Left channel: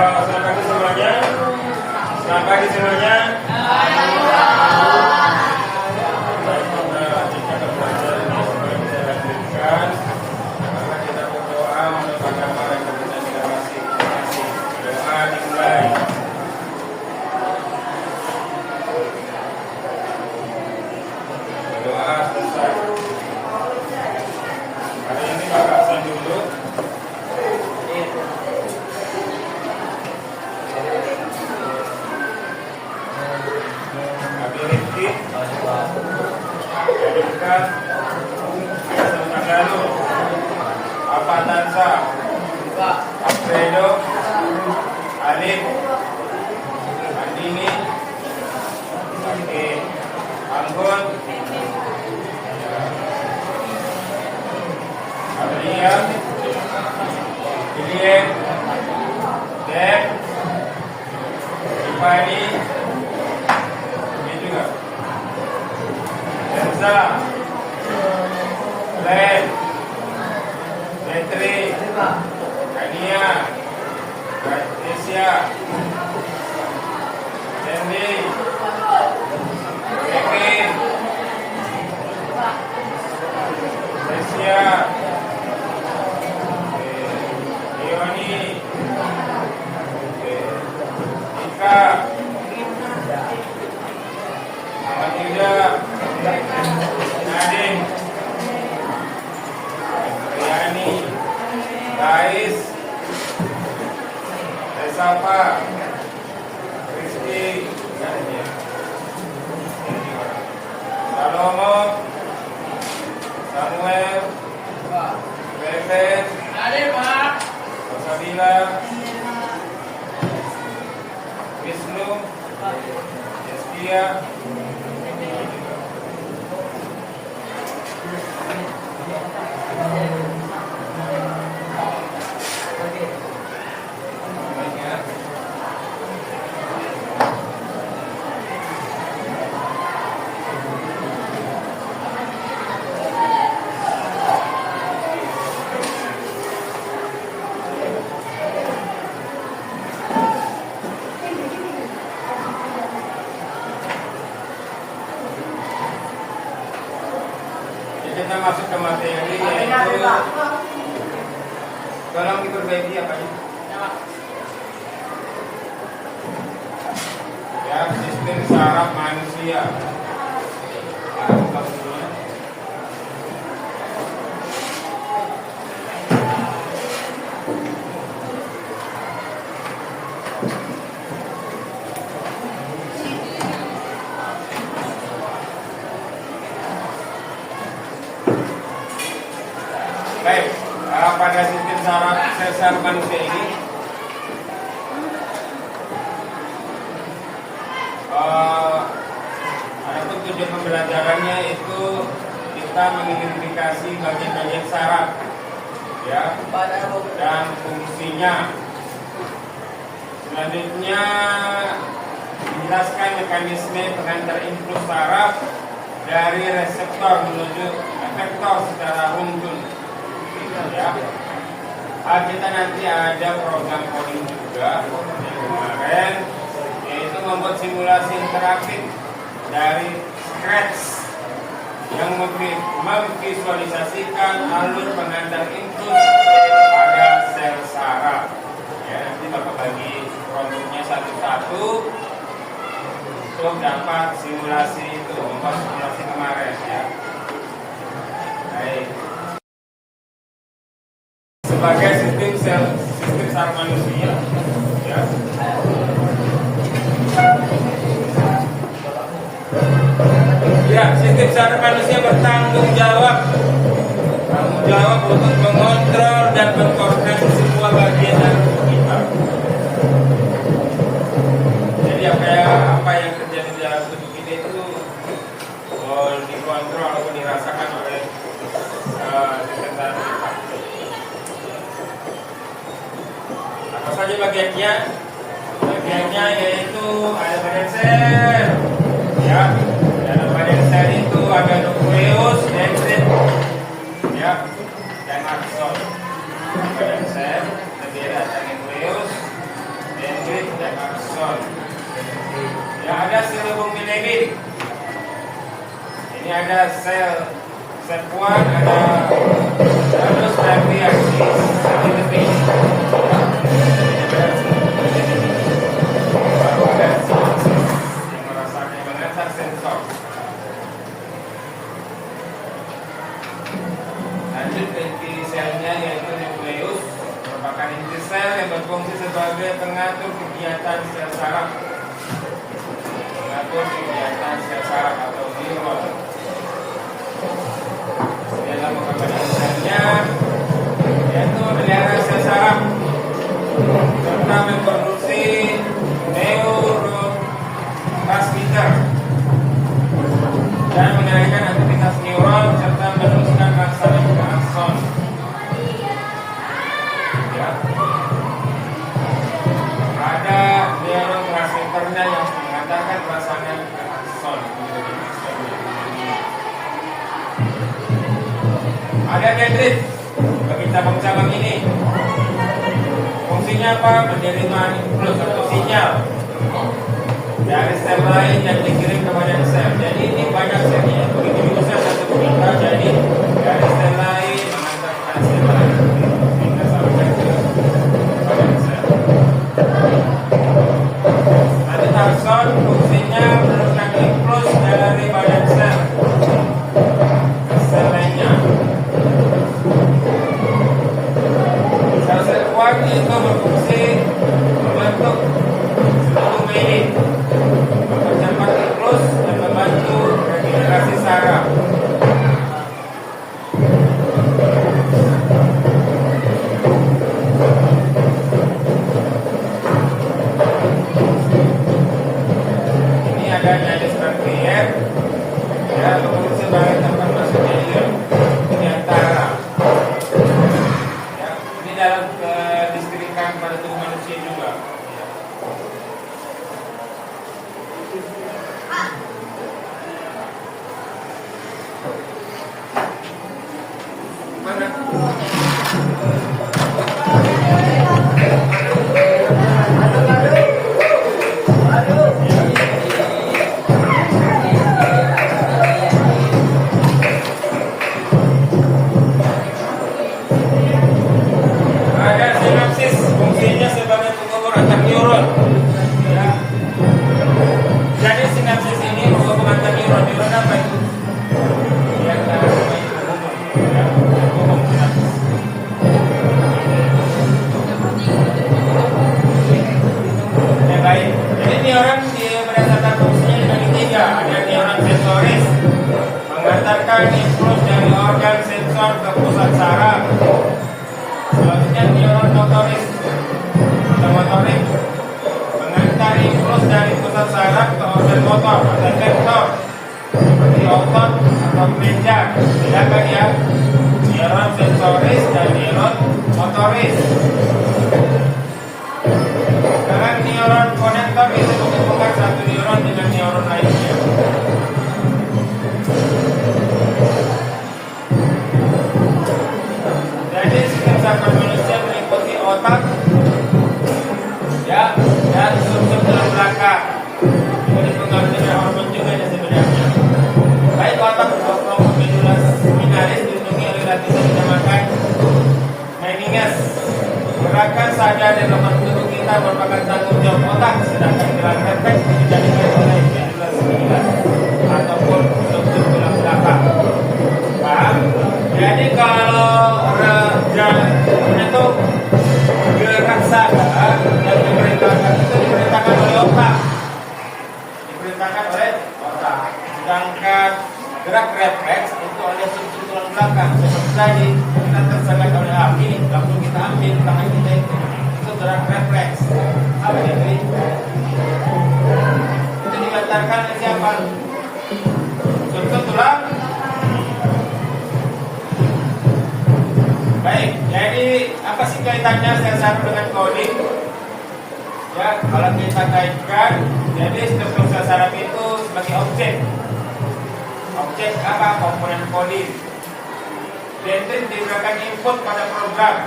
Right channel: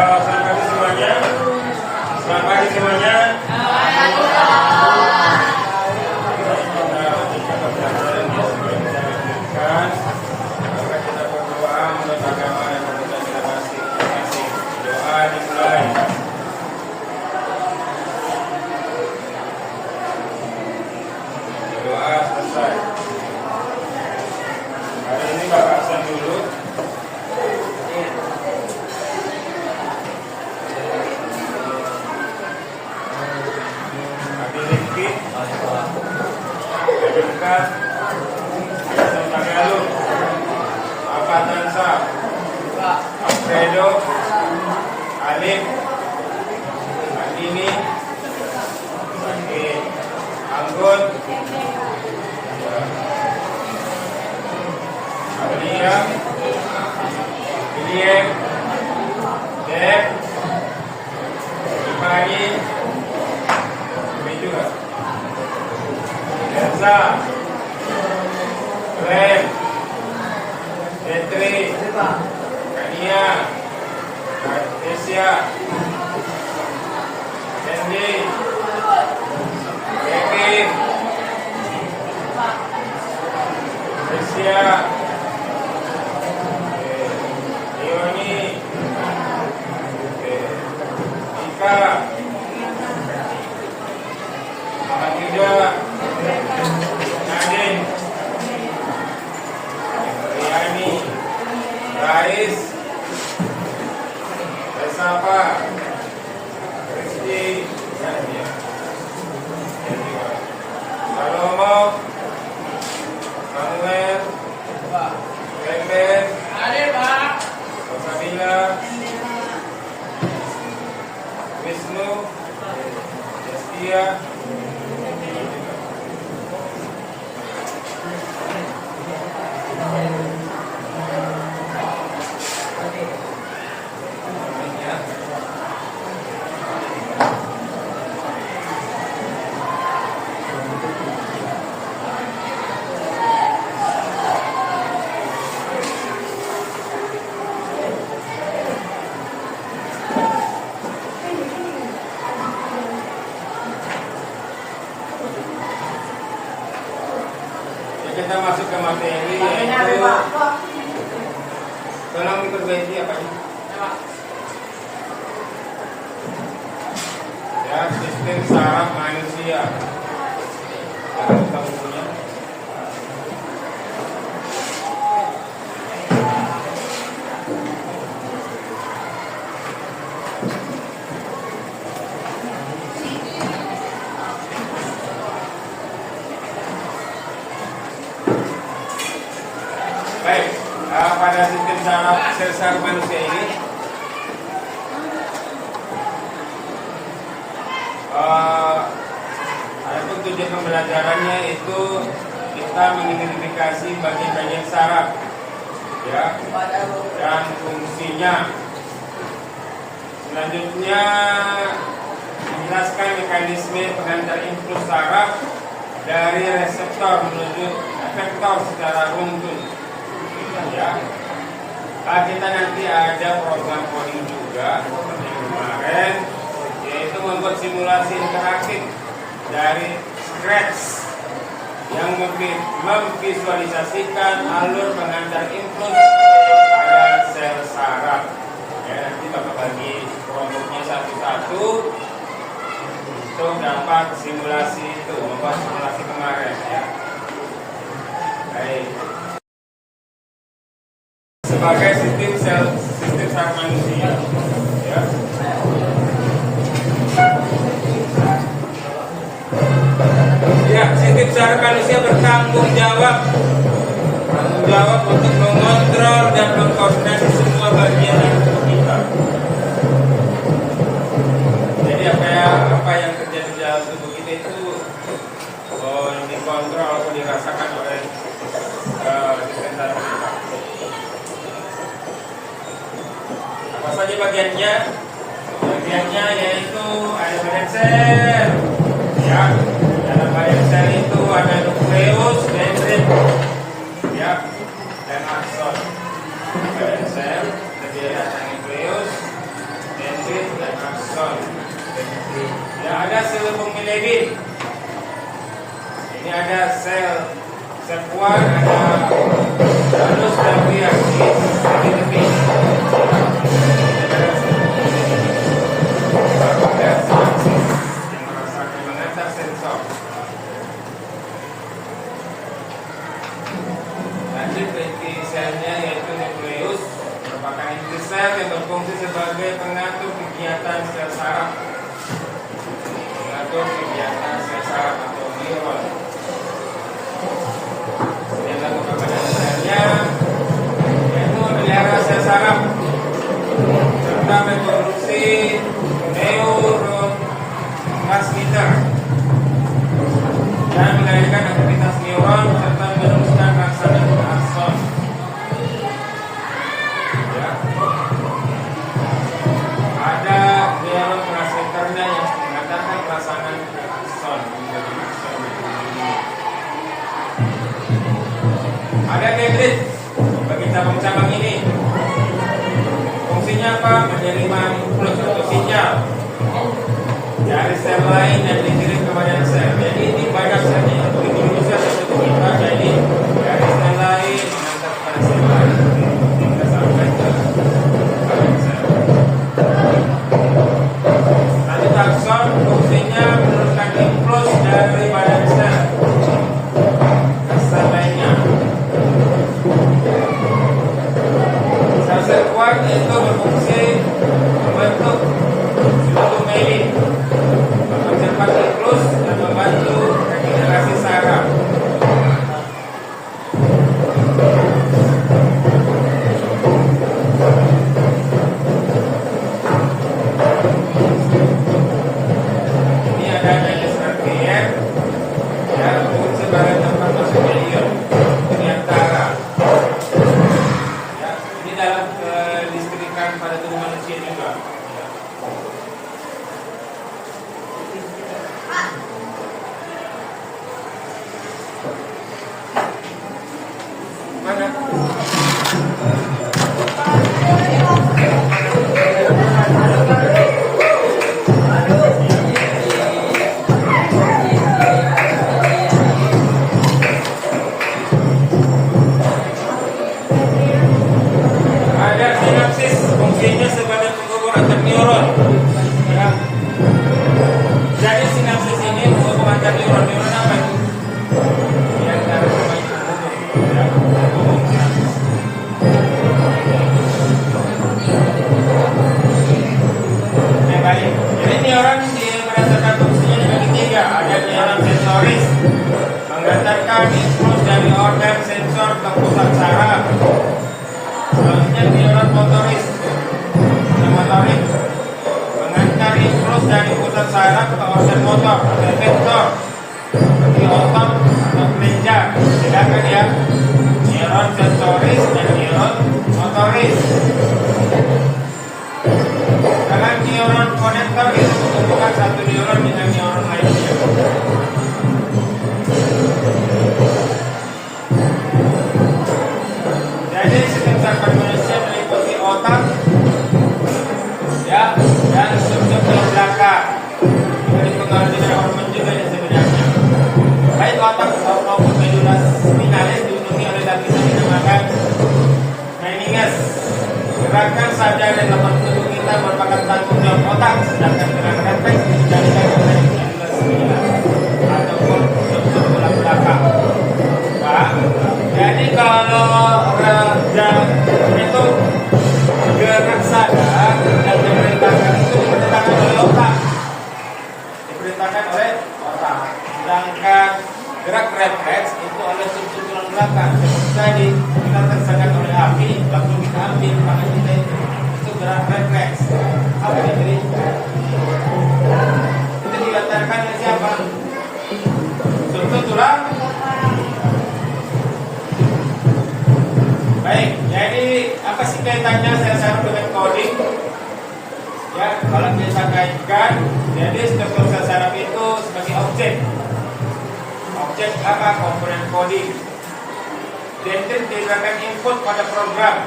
Selamat pagi semuanya. Selamat pagi semuanya. Kita berdoa menurut agama dan kebenaran kita masing-masing. Doa dimulai. Doa selesai. Hari ini Bapak absen dulu. Dekat Santiago, Apatansa, Alfredo, Alif, Andini, Bagi, Anggun, Amelia, William, Dek, Ipani, ini juga. Elsa, Glenn, Petri, Kania, Asia, Sandy, Kevin, Asia, Leoni, Ika, Muhammad Yuda, Nadine, Riani, Rais, Resapa, Rizky, Salomo, Samuel, Peter, Rosabila, Wisnu, Destia. Kita masuk ke materi yaitu tolong diperbaiki apanya? Ya, sistem saraf manusia. Baik, pada sistem saraf manusia ini adapun tujuan pembelajarannya itu kita mengidentifikasi bagian-bagian saraf, ya, dan fungsinya. Selanjutnya menjelaskan mekanisme pengantar impuls saraf dari reseptor menuju efektor secara runtun. Ya, kita nanti ada program coding juga seperti kemarin, yaitu membuat simulasi interaktif dari Scratch yang memvisualisasikan alur pengantar input pada sel saraf. Ya, nanti Bapak bagi kelompoknya satu-satu untuk dapat simulasi itu, membuat simulasi kemarin, ya. Baik. Sebagai sistem saraf manusia, ya. Ya, sistem saraf manusia bertanggung jawab untuk mengontrol dan mengkoordinasi semua bagian dari tubuh kita. Jadi apa yang terjadi di dalam tubuh kita itu dikontrol atau dirasakan oleh sistem saraf kita. Apa saja bagiannya? Bagiannya yaitu ada badan sel, ya. Dalam badan sel itu ada nukleus, dendrit, ya, dan akson. Badan sel terdiri atas nukleus, akson. Yang ada sel hubung bilirubin. Ini ada sel kuat, ada anus dan riak di lebih. Baru ada sinapsis yang merasakan mengantar sensor. Lanjut ke inti selnya yaitu nukleus, merupakan inti sel yang berfungsi sebagai pengatur kegiatan sel saraf. Mengatur kegiatan sel saraf atau neuron. Yang merupakan selnya yaitu memelihara sel saraf serta memproduksi neurotransmitter dan mengendalikan aktivitas neuron serta meneruskan rangsangan ke akson. Ya. Ada neurotransmitternya yang mengantarkan rangsangan ke akson. Ada dendrit bagi cabang-cabang ini. Fungsinya apa? Menerima impuls atau sinyal dari sel lain yang dikirim kepada sel. Jadi ini banyak selnya. Begitu bisa satu kita. Jadi dari sel lain mengantar kepada sel lain. Kita sampai ke badan sel. Lanjut akson, fungsinya meneruskan impuls dari badan sel ke sel lainnya. Sel kuat itu berfungsi membentuk suatu mielin, mempercepat impuls dan membantu regenerasi saraf. Ini ada jenis rangkaian yang berfungsi sebagai tempat masuknya ion di antara. Ya, ini dalam kelistrikan pada tubuh manusia juga. Mana? Ada sinapsis, fungsinya sebagai penghubung antar neuron. Ya. Jadi sinapsis ini menghubung antar neuron. Neuron apa itu? Yang antara penghubung. Ya, penghubung sinapsis. Yang lain. Jadi neuron berdasarkan fungsinya dibagi tiga. Ada neuron sensoris, mengantarkan impuls dari organ sensor ke pusat saraf. Selanjutnya neuron motoris, motorik, mengantar impuls dari pusat saraf ke organ motor, reseptor, seperti otot atau kelenjar. Bedakan ya, neuron sensoris dan neuron motoris. Sekarang neuron konektor itu menghubungkan satu neuron dengan neuron lainnya. Jadi sistem saraf manusia meliputi otak, ya, dan sub-sub tulang belakang. Ini dipengaruhi dengan hormon juga ya sebenarnya. Baik otak maupun medula spinalis dilindungi oleh lapisan yang dinamakan meninges. Gerakan sadar dan lemah tubuh kita merupakan tanggung jawab otak, sedangkan gerak refleks dijadikan oleh medula spinalis ataupun sub-sub tulang belakang. Paham? Jadi kalau itu gerak sadar yang diperintahkan itu diperintahkan oleh otak. Diperintahkan oleh otak. Sedangkan gerak refleks itu oleh sub-sub tulang belakang. Seperti tadi kita tersengat oleh api, waktu kita ambil tangan kita itu gerak refleks. Apa itu? Itu diantarkan oleh siapa? Sub-sub tulang. Baik, jadi apa sih kaitannya sel saraf dengan coding? Ya, kalau kita kaitkan, jadi struktur sel saraf itu sebagai objek. Objek apa? Komponen coding. Dendrit diberikan input pada program,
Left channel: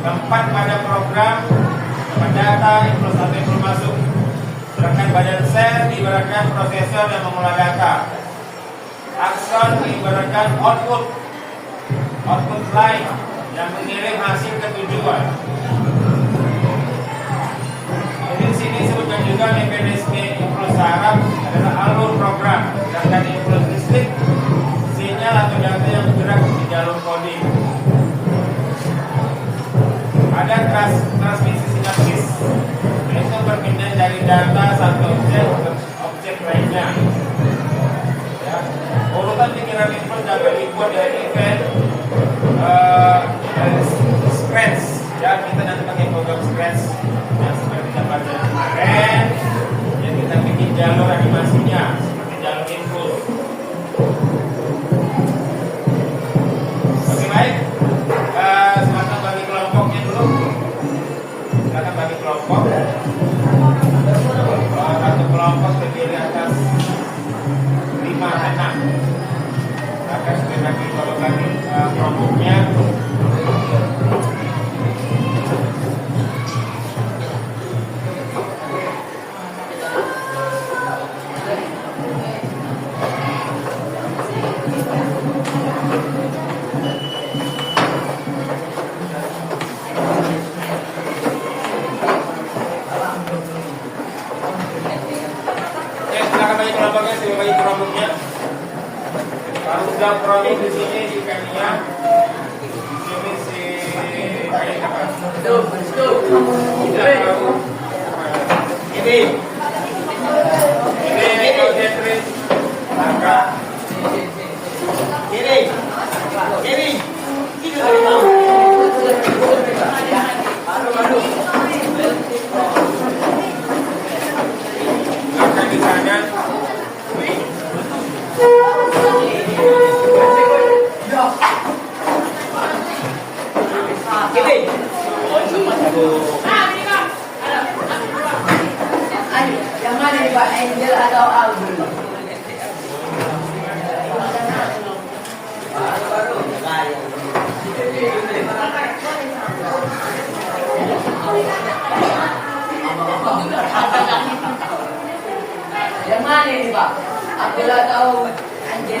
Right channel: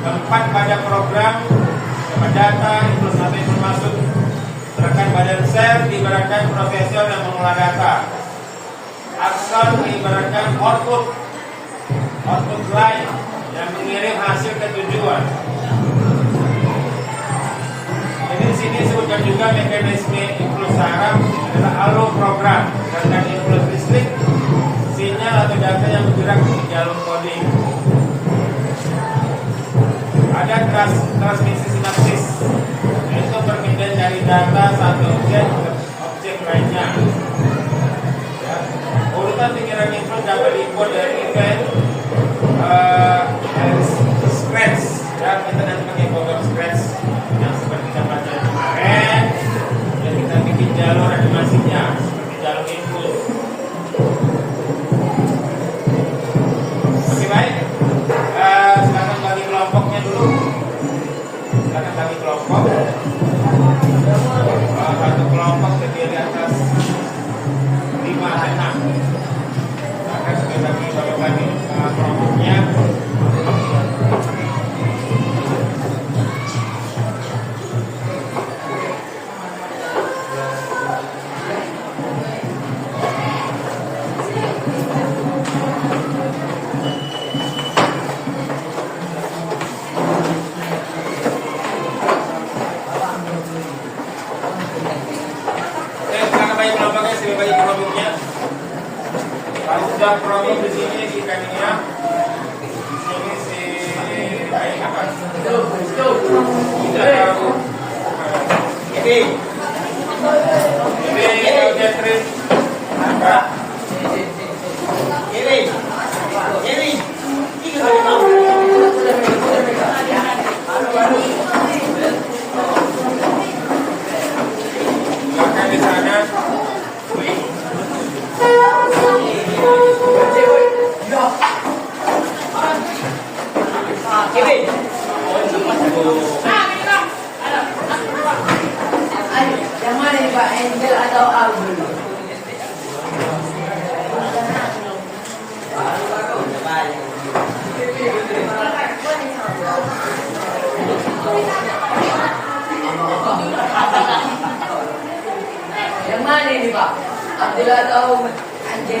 tempat pada program, dapat data, impuls atau informasi Badan sel diibaratkan prosesor yang mengolah data. Akson diibaratkan output line yang mengirim hasil ke tujuan. Jadi di sini disebutkan juga mekanisme impuls saraf adalah alur program, sedangkan impuls listrik sinyal atau data yang bergerak di jalur coding. Ada transmisi sinapsis, yaitu perpindahan dari data satu objek ke objek lainnya. Ya. Urutan pikiran impuls dapat dibuat dari event dari scratch. Ya, kita nanti pakai program scratch yang seperti kita pelajari kemarin. Dan kita bikin jalur animasinya seperti jalur impuls. Oke, baik. Silakan bagi kelompoknya dulu. Silakan bagi kelompok. Satu kelompok terdiri atas 5 dan 6. Silakan bagi kelompoknya. Bagi kelompoknya. Kalau sudah promi di sini di kania, ini si apa? Ini objektif apa? Ini akan di sana. Yang mana nih Pak, Angel atau Album? Yang mana nih Pak, Abdul atau Angel?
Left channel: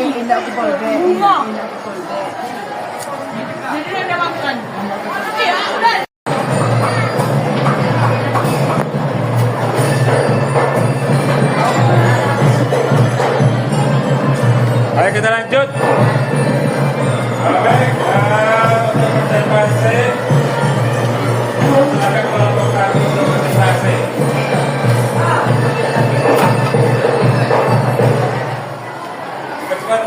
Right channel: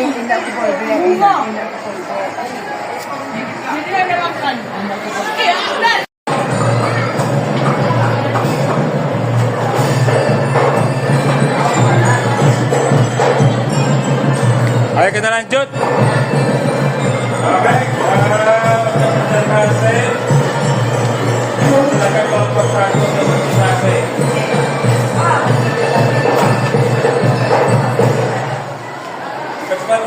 Indah aku boleh. Indah aku boleh. Jadi ada makan. Indah aku boleh. Ayo kita lanjut. Baik, untuk presentasi silakan kelompok satu untuk presentasi. Cepat.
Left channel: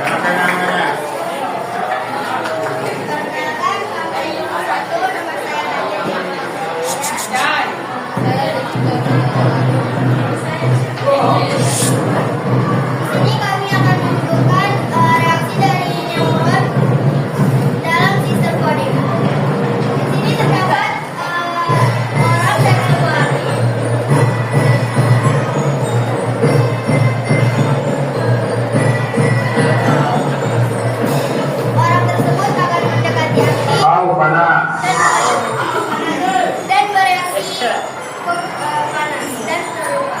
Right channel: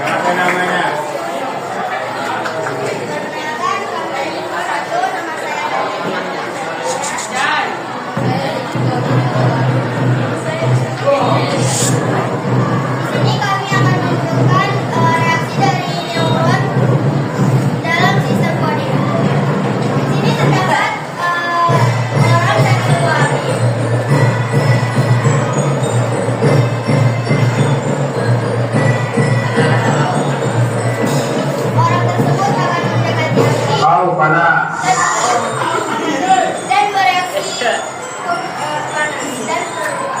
Apa namanya? Perkenalkan, kami nomor 1, nama saya Di sini kami akan menunjukkan reaksi dari neuron dalam sistem coding. Di sini terdapat orang dan keluarga. Orang tersebut akan mendekati api Tahu panas. dan bereaksi panas dan terluka.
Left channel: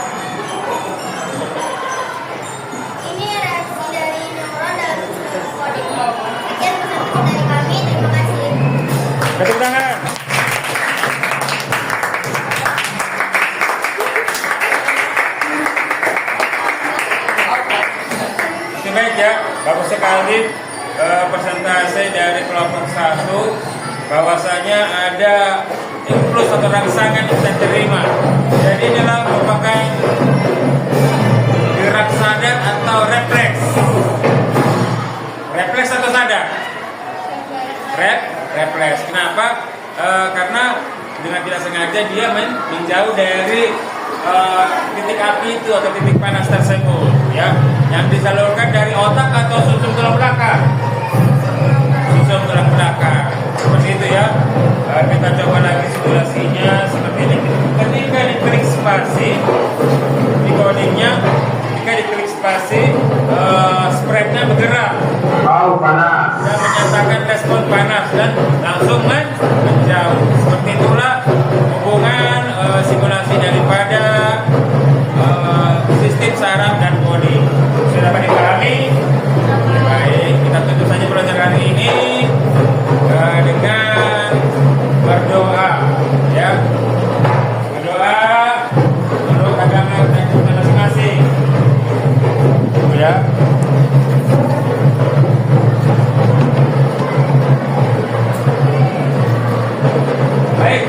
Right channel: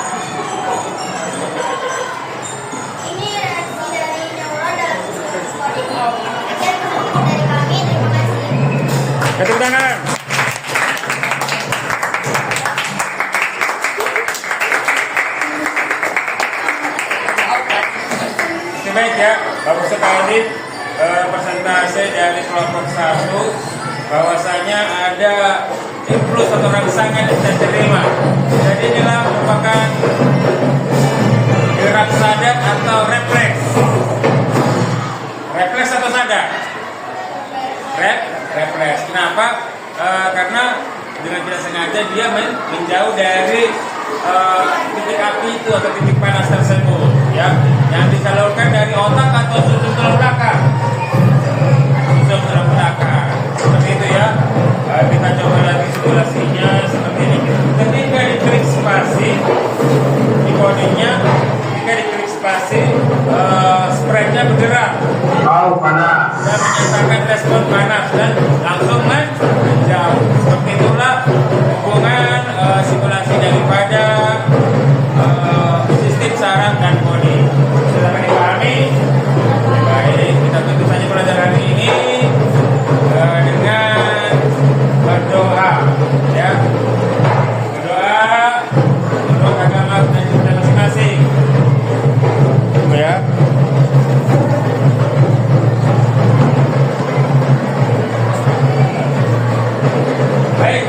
Ini reaksi dari neuron dalam sistem coding. Sekian penonton dari kami, terima kasih. Tepuk tangan. Oke, baik ya, bagus sekali presentasi dari kelompok 1 bahwasanya ada impuls atau rangsangan yang bisa diterima. Jadi inilah merupakan gerak sadar atau refleks. Refleks atau sadar? Refleks. Kenapa? Karena dengan tidak sengaja dia menjauh dari titik api itu atau titik panas tersebut, ya, yang disalurkan dari otak atau sumsum tulang belakang. Sumsum tulang belakang. Seperti itu ya. Kita coba lagi simulasinya seperti ini. Ketika diklik spasi di codingnya, ketika diklik spasi, spreadnya bergerak. Tahu panas. Dan menyatakan respon panas dan langsung menjauh. Seperti itulah hubungan simulasi daripada sistem saraf dan coding. Sudah dapat dipahami? Baik, kita tutup saja pelajaran ini dengan berdoa, ya. Berdoa menurut agama dan kita masing-masing. Tunggu ya. Baik,